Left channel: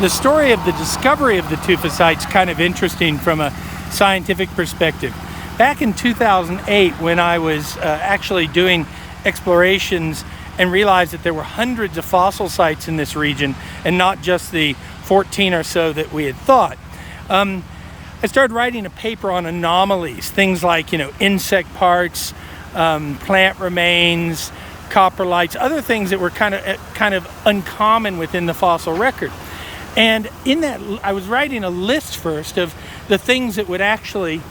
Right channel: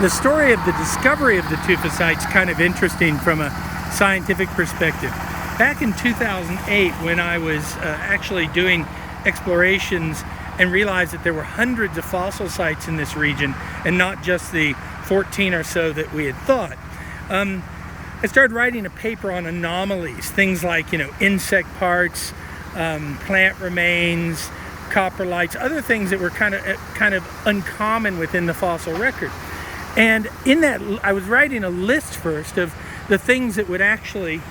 The story of the discovery of the tufocyte's kind of interesting from a scientific perspective. Back in 2008, when I was actually doing explorations and realized that there were hundreds of fossil sites in this region and not just the 14 or so that we had thought, I started writing a paper on anomalies, things like, insect parts, plant remains, coprolites, other things that were kind of uncommon within the fossil record. And in that, I was writing a list first of the things that would actually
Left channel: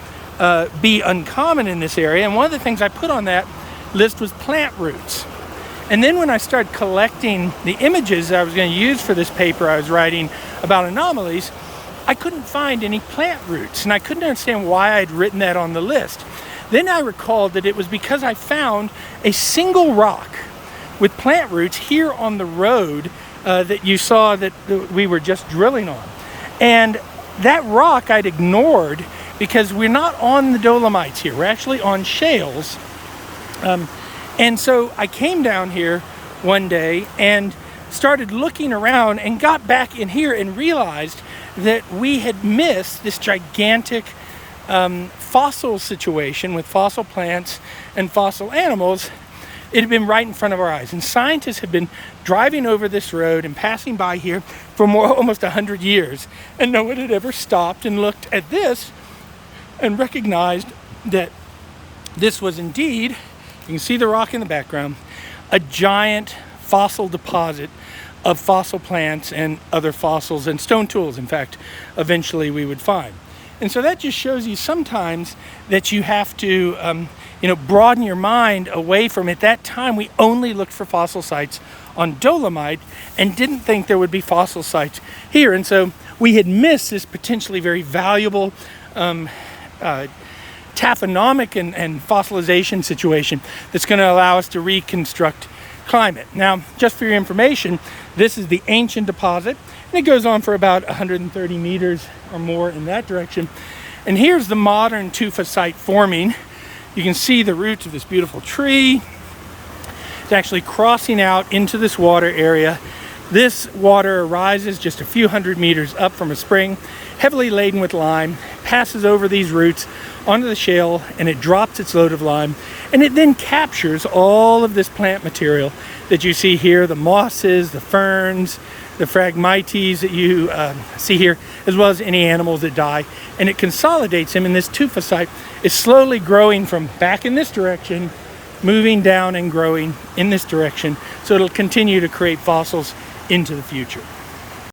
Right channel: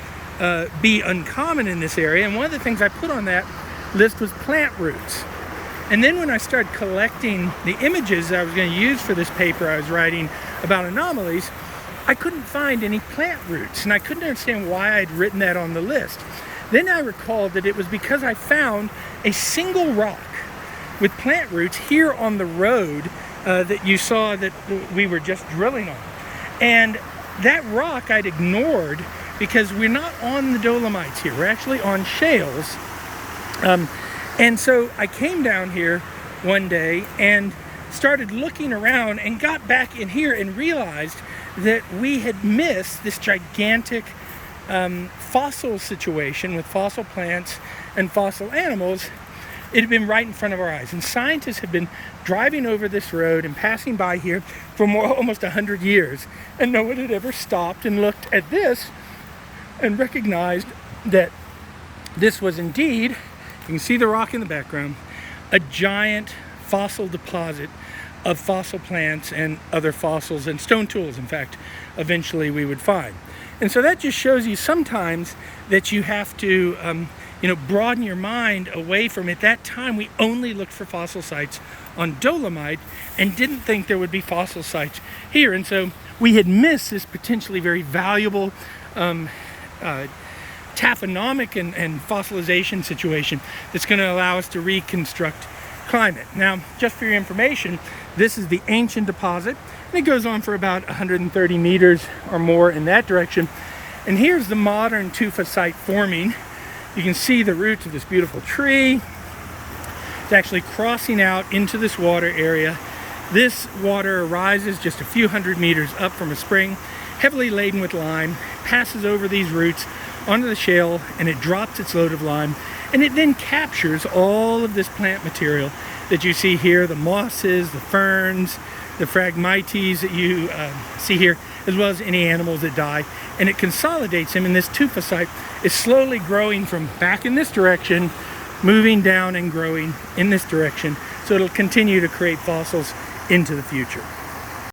be uncommon in this area. And one of the things I put on that list was plant roots. And then when I started collecting the images that I was going to use for this paper I was writing about anomalies, I couldn't find any plant roots. And I couldn't understand why I'd written that on the list. Then I recalled that it was because I found a single rock with plant roots here on the road that you saw that we were just drilling on. And that rock I'd ignored because we're not on the Dolomites here. We're actually on shales. And so I came down here one day and started looking around and got back in here and realized that we had missed this gigantic fossil situation with fossil plants and fossil animals. It had been right in front of our eyes, and scientists had been driving over this road and passing by here for almost 100 years, and no one had ever stopped and looked at this and recognized that this was indeed, you can see the rock in the background, a giant fossil deposit of fossil plants and other fossils and stone tools, in fact, eventually we would find. And so that just shows you sometimes that you have to broaden your mind away from, at that time we only looked for fossil sites on Dolomite and didn't think there would be fossil sites here. And so we had missed this potentially very valuable taphonomic and fossilization situation that's going to allow us to reconstruct climate. Now, just for your information, this is the ancient deposit, and it goes on for about 130 meters or more in that direction. And here's the modern tufa site forming. You can see the roots of this beautiful tree. It's actually crossing out into this water area. This water arises just a few hundred meters up from a spring, heavily laden with lime, passes over these roots onto the shale, and it drops its load of lime, and it then captures all of this plant material that you see here, the mosses, the ferns, the phragmites that you see here, as well as any animals that die, and it consolidates them, and this tufa site is slowly growing from back in this direction, moving down and growing in this direction, so it'll continue to create fossils into the future.